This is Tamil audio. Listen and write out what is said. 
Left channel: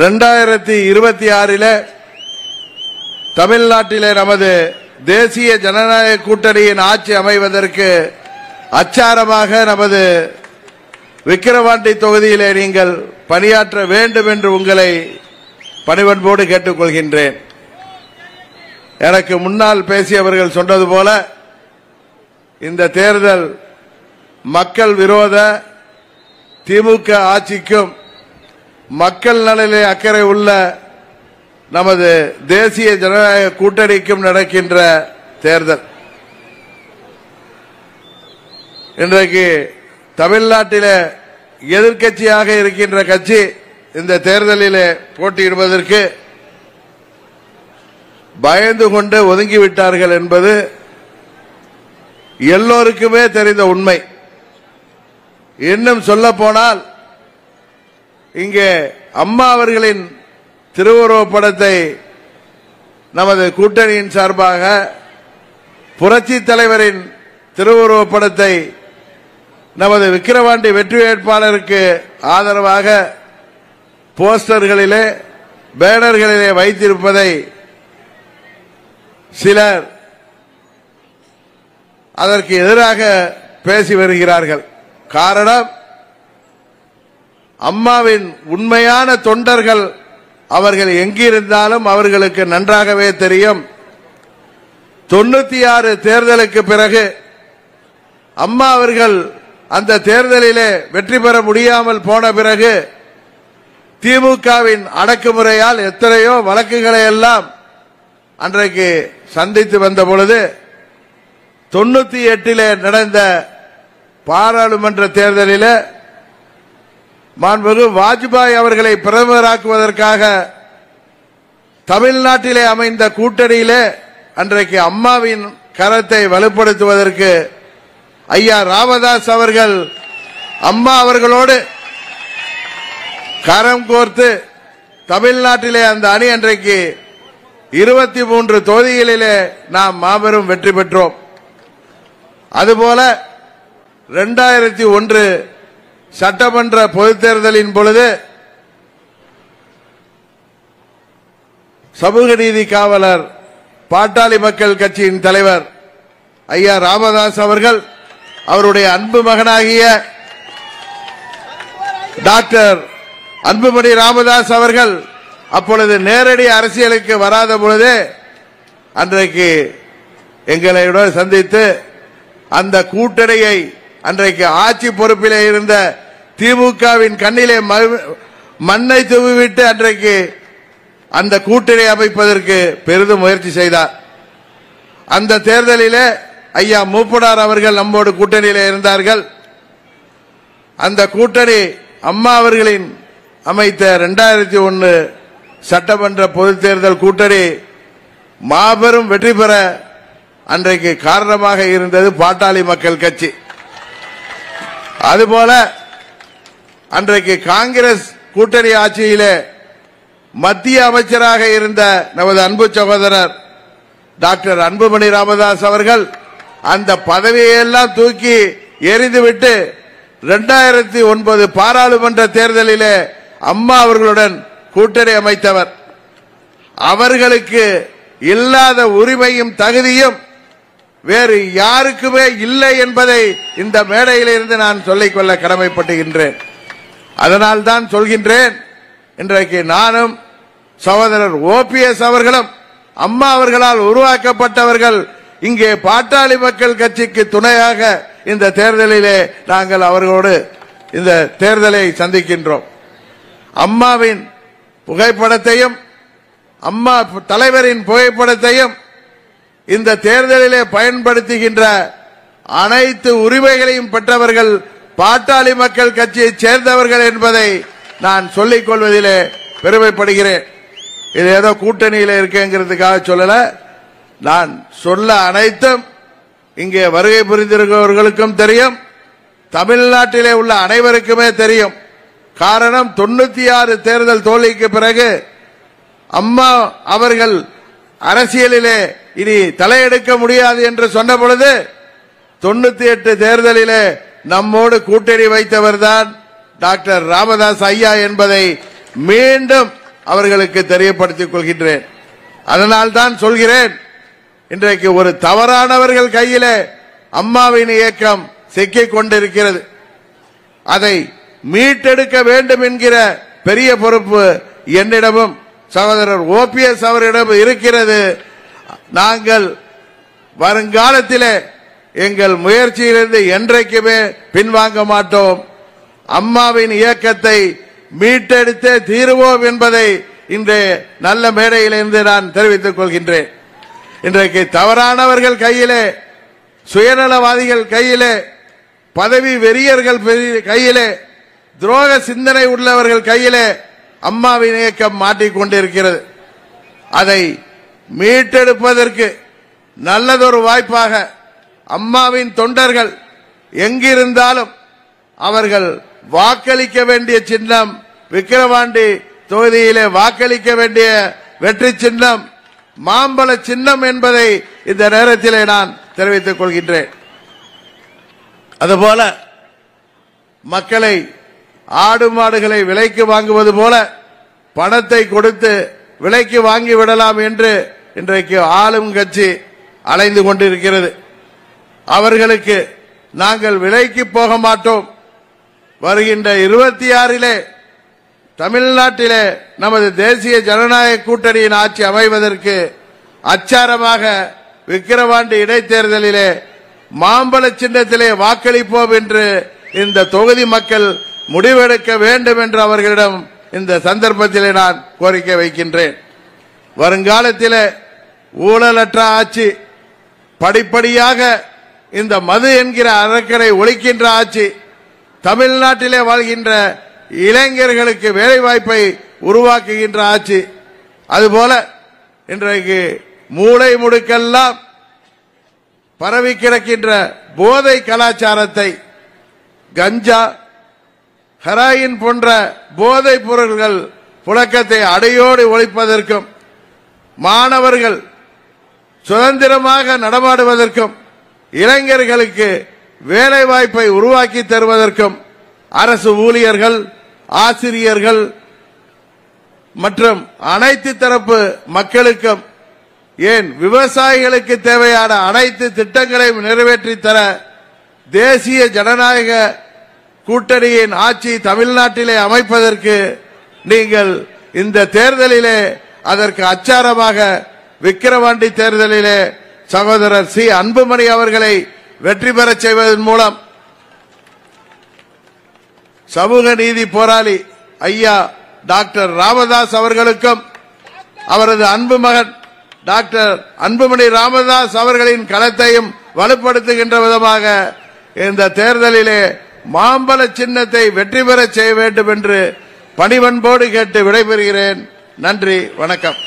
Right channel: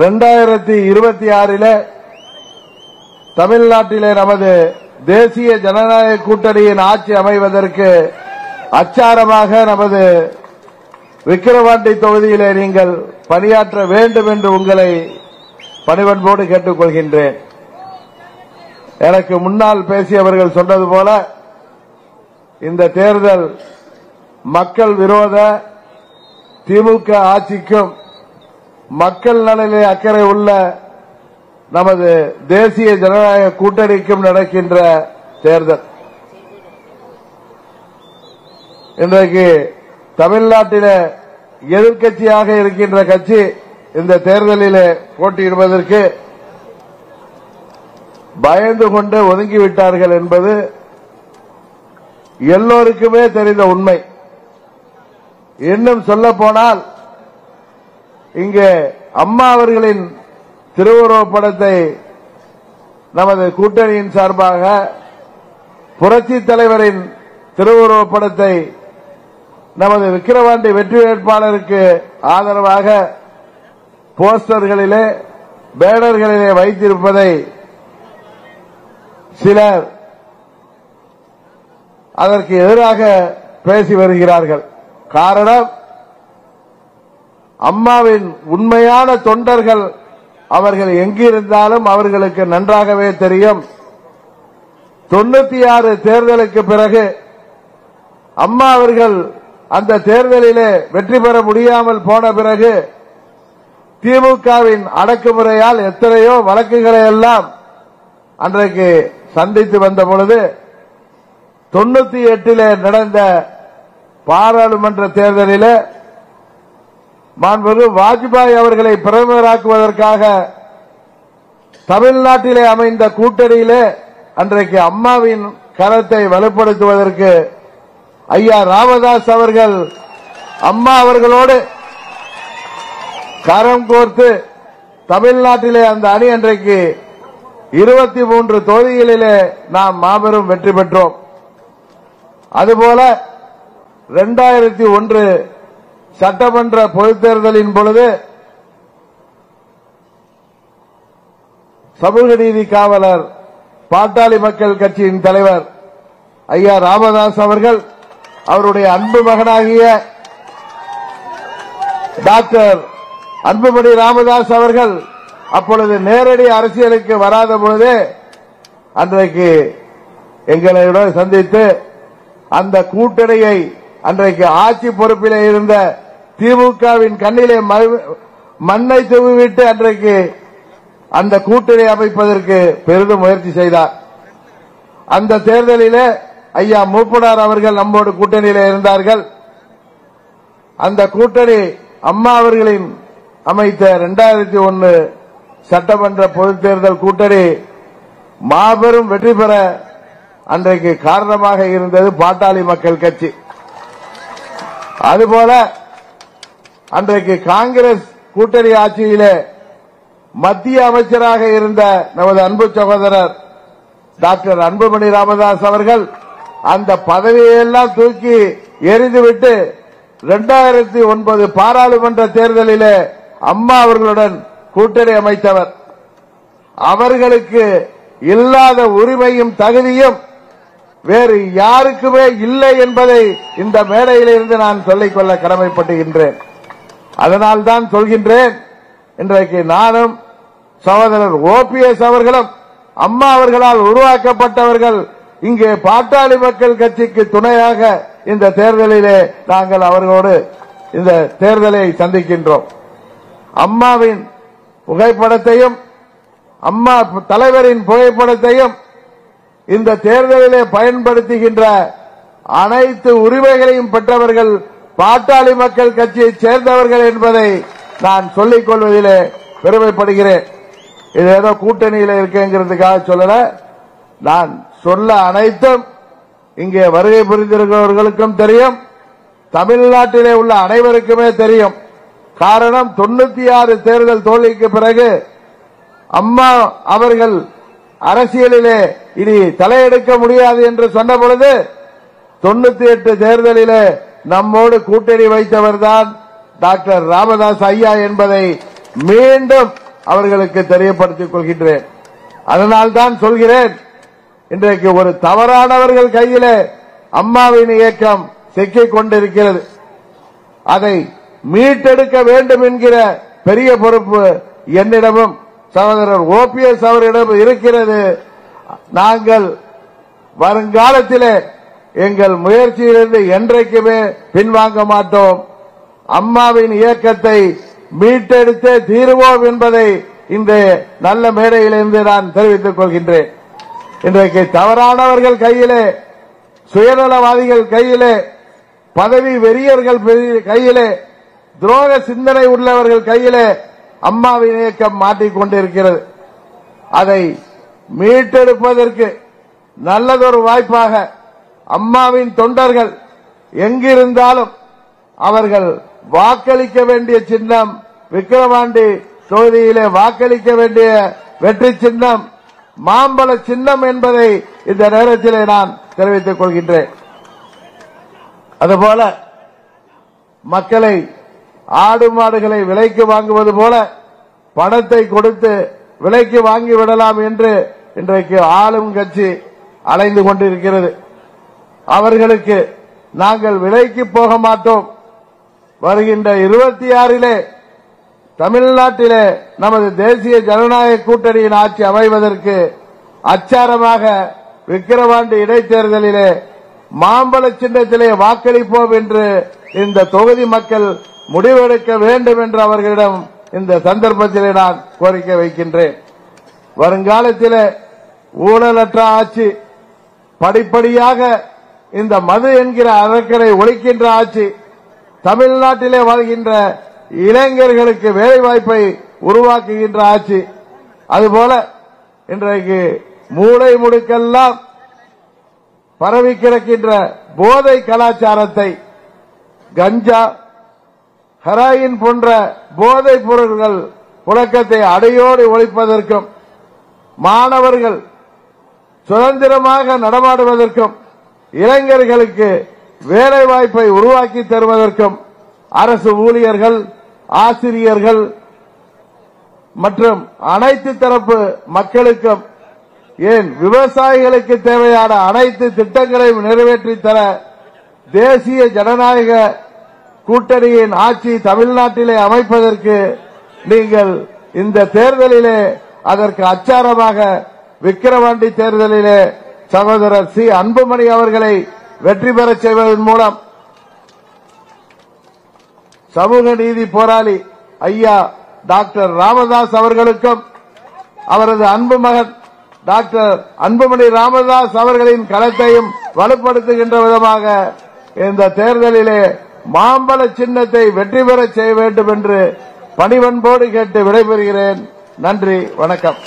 2026 தமிழ்நாட்டிலே நமது தேசிய ஜனநாயக கூட்டணியின் ஆட்சி அமைவதற்கு அச்சாரமாக நமது விக்கிரவாண்டி தொகுதியிலே நீங்கள் பணியாற்ற வேண்டும் என்று உங்களை பணிவன்போடு கேட்டுக்கொள்கின்றேன். எனக்கு முன்னால் பேசியவர்கள் சொன்னது போல இந்த தேர்தல் மக்கள் விரோத திமுக ஆட்சிக்கும் மக்கள் நலனிலே அக்கறை உள்ள நமது தேசிய ஜனநாயக கூட்டணிக்கும் நடக்கின்ற தேர்தல். இன்றைக்கு தமிழ்நாட்டில் எதிர்க்கட்சியாக இருக்கின்ற கட்சி இந்த தேர்தலில் போட்டியிடுவதற்கு பயந்து கொண்டு ஒதுங்கிவிட்டார்கள் என்பது எல்லோருக்குமே தெரிந்த உண்மை. இன்னும் சொல்ல போனால் இங்கே அம்மா அவர்களின் திருவுருவப் படத்தை நமது கூட்டணியின் சார்பாக புரட்சி தலைவரின் திருவுருவப் படத்தை நமது விக்கிரவாண்டி வெற்றி வேட்பாளருக்கு ஆதரவாக போஸ்டர்களிலே பேனர்களிலே வைத்திருப்பதை சிலர் அதற்கு எதிராக பேசி வருகிறார்கள். காரணம், அம்மாவின் உண்மையான தொண்டர்கள் அவர்கள் எங்கிருந்தாலும் அவர்களுக்கு நன்றாகவே தெரியும். 96 தேர்தலுக்கு பிறகு அம்மா அவர்கள் அந்த தேர்தலிலே வெற்றி பெற முடியாமல் போன பிறகு திமுகவின் அடக்குமுறையால் எத்தனையோ வழக்குகளை எல்லாம் அன்றைக்கு சந்தித்து வந்த பொழுது 98 நடந்த பாராளுமன்ற தேர்தலில் மாண்புமிகு வாஜ்பாய் அவர்களை பிரதமராக்குவதற்காக தமிழ்நாட்டிலே அமைந்த கூட்டணியிலே அன்றைக்கு அம்மாவின் கரத்தை வலுப்படுத்துவதற்கு ஐயா ராமதாஸ் அவர்கள் அம்மா அவர்களோடு கரம் கோர்த்து தமிழ்நாட்டிலே அந்த அணி அன்றைக்கு 23 தொகுதிகளிலே நாம் மாபெரும் வெற்றி பெற்றோம். அதுபோல 2001 சட்டமன்ற பொதுத் தேர்தலின் பொழுது சமூக நீதி காவலர் பாட்டாளி மக்கள் கட்சியின் தலைவர் ஐயா ராமதாஸ் அவர்கள் அவருடைய அன்பு மகனாகிய டாக்டர் அன்புமணி ராமதாஸ் அவர்கள் அப்பொழுது நேரடி அரசியலுக்கு வராத பொழுது அன்றைக்கு எங்களோடு சந்தித்து அந்த கூட்டணியை அன்றைக்கு ஆட்சி பொறுப்பிலே இருந்த திமுகவின் கண்ணிலே மண்ணை தூவிவிட்டு அன்றைக்கு அந்த கூட்டணி அமைப்பதற்கு பெரிதும் முயற்சி செய்தார். அந்த தேர்தலிலே ஐயா மூப்பனார் அவர்கள் நம்மோடு கூட்டணியிலே இருந்தார்கள். அந்த கூட்டணி அம்மா அவர்களின் அமைத்த 2001 சட்டமன்ற பொதுத் தேர்தல் கூட்டணி மாபெரும் வெற்றி பெற அன்றைக்கு காரணமாக இருந்தது பாட்டாளி மக்கள் கட்சி. அதுபோல அன்றைக்கு காங்கிரஸ் கூட்டணி ஆட்சியிலே மத்திய அமைச்சராக இருந்த நமது அன்பு சகோதரர் டாக்டர் அன்புமணி ராமதாஸ் அவர்கள் அந்த பதவியெல்லாம் தூக்கி எறிந்துவிட்டு 2009 பாராளுமன்ற தேர்தலிலே அம்மா அவர்களுடன் கூட்டணி அமைத்தவர். அவர்களுக்கு இல்லாத உரிமையும் தகுதியும் வேறு யாருக்குமே இல்லை என்பதை இந்த மேடையில் இருந்து நான் சொல்லிக்கொள்ள கடமைப்பட்டுகின்றேன். அதனால்தான் சொல்கின்றேன், இன்றைக்கு நானும் சகோதரர் OPS அவர்களும் அம்மா அவர்களால் உருவாக்கப்பட்டவர்கள் இங்கே பாட்டாளி மக்கள் கட்சிக்கு துணையாக இந்த தேர்தலிலே நாங்கள் அவர்களோடு இந்த தேர்தலை சந்திக்கின்றோம். அம்மாவின் புகைப்படத்தையும் அம்மா தலைவரின் புகைப்படத்தையும் இந்த தேர்தலிலே பயன்படுத்துகின்ற அனைத்து உரிமைகளையும் பெற்றவர்கள் பாட்டாளி மக்கள் கட்சியைச் சேர்ந்தவர்கள் என்பதை நான் சொல்லிக் கொள்வதிலே பெருமைப்படுகிறேன். இது ஏதோ கூட்டணியில் இருக்கேங்கிறதுக்காக சொல்லல. நான் சொல்ல அனைத்தும் இங்கே வருகை புரிந்திருக்கிறவர்களுக்கும் தெரியும், தமிழ்நாட்டிலே உள்ள அனைவருக்குமே தெரியும். காரணம், 96 தேர்தல் தோல்விக்கு பிறகு அம்மா அவர்கள் அரசியலிலே இனி தலையெடுக்க முடியாது என்று சொன்ன பொழுது 98 தேர்தலிலே நம்மோடு கூட்டணி வைத்தவர்தான் டாக்டர் ராமதாஸ் ஐயா என்பதை மீண்டும் அவர்களுக்கு தெரியப்படுத்திக் கொள்கின்றேன். அதனால்தான் சொல்கிறேன், இன்றைக்கு ஒரு தவறானவர்கள் கையிலே அம்மாவின் இயக்கம் சிக்கிக் கொண்டிருக்கிறது. அதை மீட்டெடுக்க வேண்டும் என்கிற பெரிய பொறுப்பு என்னிடமும் சகோதரர் OPS அவரிடம் இருக்கிறது. நாங்கள் வருங்காலத்திலே எங்கள் முயற்சியிலிருந்து என்றைக்குமே பின்வாங்க மாட்டோம். அம்மாவின் இயக்கத்தை மீட்டெடுத்தே தீருவோம் என்பதை இன்றைய நல்ல மேடையிலிருந்து நான் தெரிவித்துக் கொள்கின்றேன். இன்றைக்கு தவறானவர்கள் கையிலே, சுயநலவாதிகள் கையிலே, பதவி வெறியர்கள் கையிலே, துரோக சிந்தனை உள்ளவர்கள் கையிலே அம்மாவின் இயக்கம் மாட்டிக்கொண்டிருக்கிறது. அதை மீட்டெடுப்பதற்கு நல்லதொரு வாய்ப்பாக அம்மாவின் தொண்டர்கள் எங்கிருந்தாலும் அவர்கள் வாக்களிக்க வேண்டிய சின்னம், விக்கிரவாண்டி தொகுதியிலே வாக்களிக்க வேண்டிய வெற்றி சின்னம் மாம்பழ சின்னம் என்பதை இந்த நேரத்திலே நான் தெரிவித்துக் கொள்கின்றேன். அதுபோல மக்களை, ஆடு மாடுகளை விலைக்கு வாங்குவது போல பணத்தை கொடுத்து விலைக்கு வாங்கிவிடலாம் என்று இன்றைக்கு ஆளும் கட்சி அலைந்து கொண்டிருக்கிறது. அவர்களுக்கு நாங்கள் விலைக்கு போக மாட்டோம். வருகின்ற 26 தமிழ்நாட்டிலே நமது தேசிய ஜனநாயக கூட்டணியின் ஆட்சி அமைவதற்கு அச்சாரமாக விக்கிரவாண்டி இடைத்தேர்தலிலே மாம்பழ சின்னத்திலே வாக்களிப்போம் என்று இந்த தொகுதி மக்கள் முடிவெடுக்க வேண்டும் என்று அவர்களிடம் இந்த சந்தர்ப்பத்திலே நான் கோரிக்கை வைக்கின்றேன். வருங்காலத்திலே ஊழலற்ற ஆட்சி, படிப்படியாக இந்த மது என்கிற அரக்கனை ஒழிக்கின்ற ஆட்சி, தமிழ்நாட்டிலே வாழ்கின்ற இளைஞர்களுக்கு வேலைவாய்ப்பை உருவாக்குகின்ற ஆட்சி, அதுபோல இன்றைக்கு மூளை முடுக்கெல்லாம் பரவி கிடக்கின்ற போதை கலாச்சாரத்தை, கஞ்சா, ஹெராயின் போன்ற போதைப் பொருட்கள் புழக்கத்தை அடையோடு ஒழிப்பதற்கும், மாணவர்கள் சுதந்திரமாக நடமாடுவதற்கும், இளைஞர்களுக்கு வேலைவாய்ப்பை உருவாக்கி தருவதற்கும் அரசு ஊழியர்கள், ஆசிரியர்கள் மற்றும் அனைத்து தரப்பு மக்களுக்கும், ஏன் விவசாயிகளுக்கு தேவையான அனைத்து திட்டங்களையும் நிறைவேற்றி தர தேசிய ஜனநாயக கூட்டணியின் ஆட்சி தமிழ்நாட்டிலே அமைப்பதற்கு நீங்கள் இந்த தேர்தலிலே அதற்கு அச்சாரமாக விக்கிரவாண்டி தேர்தலிலே சகோதரர் சி. அன்புமணி அவர்களை வெற்றி பெறச் செய்வதன் மூலம் சமூக நீதி போராளி ஐயா டாக்டர் ராமதாஸ் அவர்களுக்கும் அவரது அன்பு மகன் டாக்டர் அன்புமணி ராமதாஸ் அவர்களின் களத்தையும் வலுப்படுத்துகின்ற விதமாக இந்த தேர்தலிலே மாம்பழ சின்னத்தை வெற்றி பெறச் செய்ய வேண்டும் என்று பணிவன்போடு கேட்டு விடைபெறுகிறேன். நன்றி, வணக்கம்.